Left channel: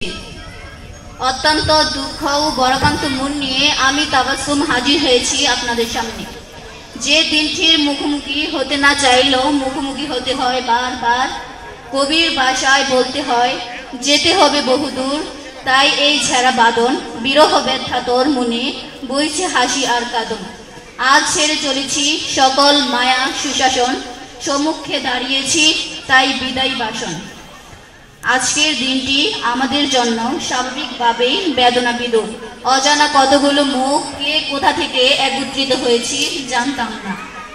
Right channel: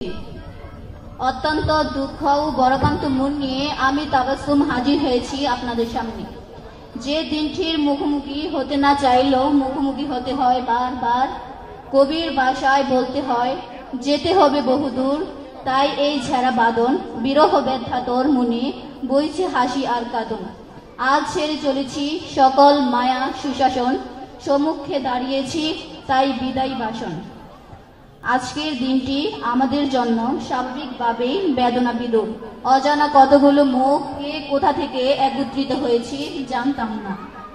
অত্যন্ত দুঃখ ও বড়কান্ত মন নিয়ে আমি তাবাসসুম হাজির হয়েছি আপনাদের সামনে। যে দিনটির মুখোমুখি হতে না চাইলেও মুখোমুখি হতে হয় বারবার। কবির ভাষায় বলতে হয় যেতে হবে বহুদূর, তাই এই ঝেড়া বাদন বিরহ ব্যথা তোর মনে বইছে হাসি আর কাঁদন। আজ ছেড়ে চলেছি সকল মায়া সুশাসন, সম্মুখে দাঁড়িয়েছি তাই বিদায় বাসন। আজকের দিনটি আমাদের জন্য স্বাভাবিকভাবেই বেদনা বিদুর। অজানা কতগুলো মুখ কে কোথা থেকে একত্রিত হয়েছি জানতাম না,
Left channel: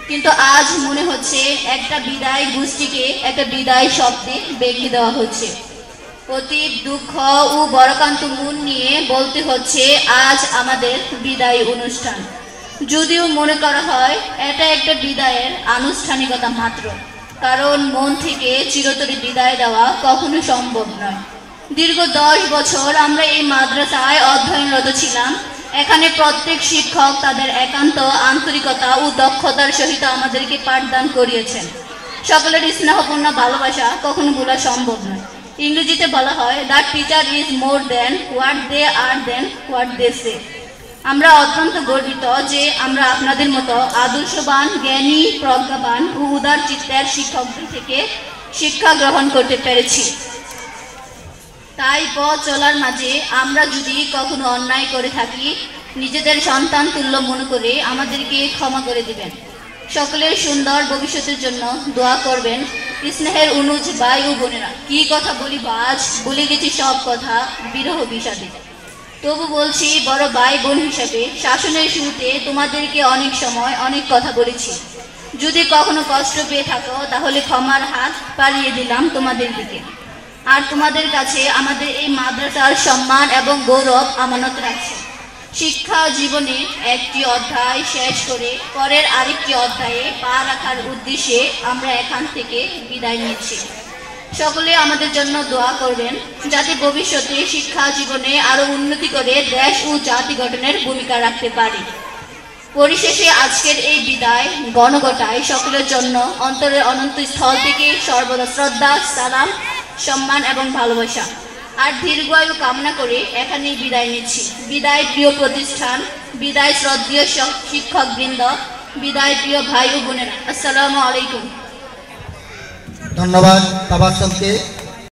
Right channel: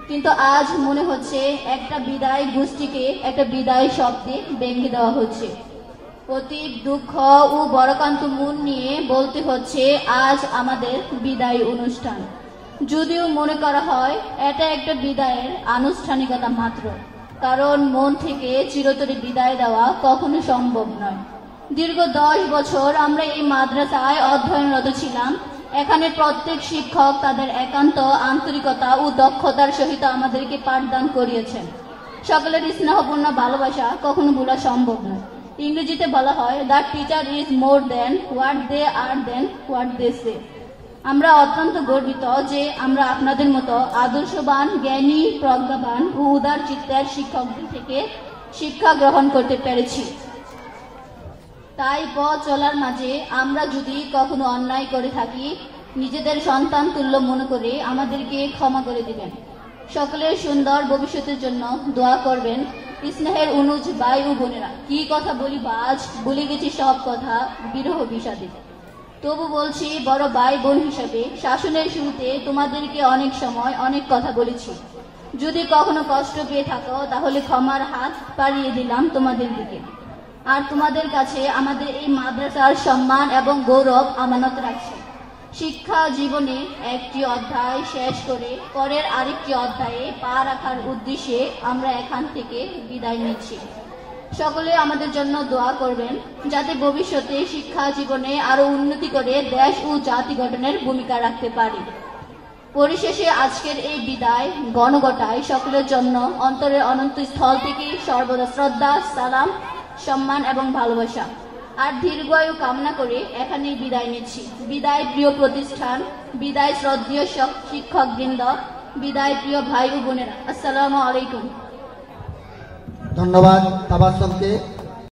কিন্তু আজ মনে হচ্ছে একটা বিদায় গোষ্ঠীকে একটা বিদায় শব্দে বেঁধে দেওয়া হচ্ছে। অতীত দুঃখ ও বড়কান্ত মন নিয়ে বলতে হচ্ছে আজ আমাদের বিদায় অনুষ্ঠান। যদিও মনে করা হয় এটা একটা বিদায়ের আনুষ্ঠানিকতা মাত্র, কারণ মন থেকে চিরতরে বিদায় দেওয়া কখনো সম্ভব নয়। দীর্ঘ 10 বছর আমরা এই মাদ্রাসায় অধ্যয়নরত ছিলাম। এখানে প্রত্যেক শিক্ষক তাদের একান্ত আন্তরিকতা ও দক্ষতার সহিত আমাদেরকে পাঠদান করিয়েছেন। সকলের স্নেহপূর্ণ ভালোবাসা কখনো ভোলা সম্ভব নয়। ইংরেজিতে বলা হয় the teacher is more than what they are than what they say. আমরা অত্যন্ত গর্বিত যে আমরা আপনাদের মতো আদর্শবান, জ্ঞানী, প্রজ্ঞাবান ও উদার চিত্তের শিক্ষকদের থেকে শিক্ষা গ্রহণ করতে পেরেছি। তাই পথ চলার মাঝে আমরা যদি কখনো অন্যায় করে থাকি, নিজেদের সন্তান তুল্য মনে করে আমাদেরকে ক্ষমা করে দিবেন। সকলের সুন্দর ভবিষ্যতের জন্য দোয়া করবেন। স্নেহের অনুজ ভাই ও বোনেরা, কি কথা বলি আজ, বলে গেছি সব কথা বিরহ বিষাদে। তবু বলছি বড় ভাই বোন হিসেবে, শাসনের শুরুতে তোমাদেরকে অনেক সময় অনেক কথা বলেছি। যদি কখনো কষ্ট পেয়ে থাকো তাহলে ক্ষমার হাত বাড়িয়ে দিলাম তোমাদের দিকে। আর তোমাদের কাছে আমাদের এই মাদ্রাসার সম্মান এবং গৌরব আমানত রাখছে। শিক্ষা জীবনে একটি অধ্যায় শেষ করে পরের আরেকটি অধ্যায়ে পা রাখার উদ্দেশ্যে আমরা এখান থেকে বিদায় নিচ্ছি। সকলে আমাদের জন্য দোয়া করবেন যাতে ভবিষ্যতে শিক্ষা জীবনে আরো উন্নতি করে দেশ ও জাতি গঠনের ভূমিকা রাখতে পারি। পরিশেষে আজকের এই বিদায় গণগোটায় সকলের জন্য অন্তরের অনন্ত স্থল থেকে সর্বদা শ্রদ্ধা, সালাম, সম্মান এবং ভালোবাসা আর দীর্ঘায়ু কামনা করে এখানেই বিদায় নিচ্ছি। বিদায় প্রিয় প্রতিষ্ঠান, বিদায় শ্রদ্ধেয় শিক্ষক বৃন্দ, বিদায় প্রিয় ভাই ও বোনেরা। আসসালামু আলাইকুম। ধন্যবাদ তাবাসসুমকে।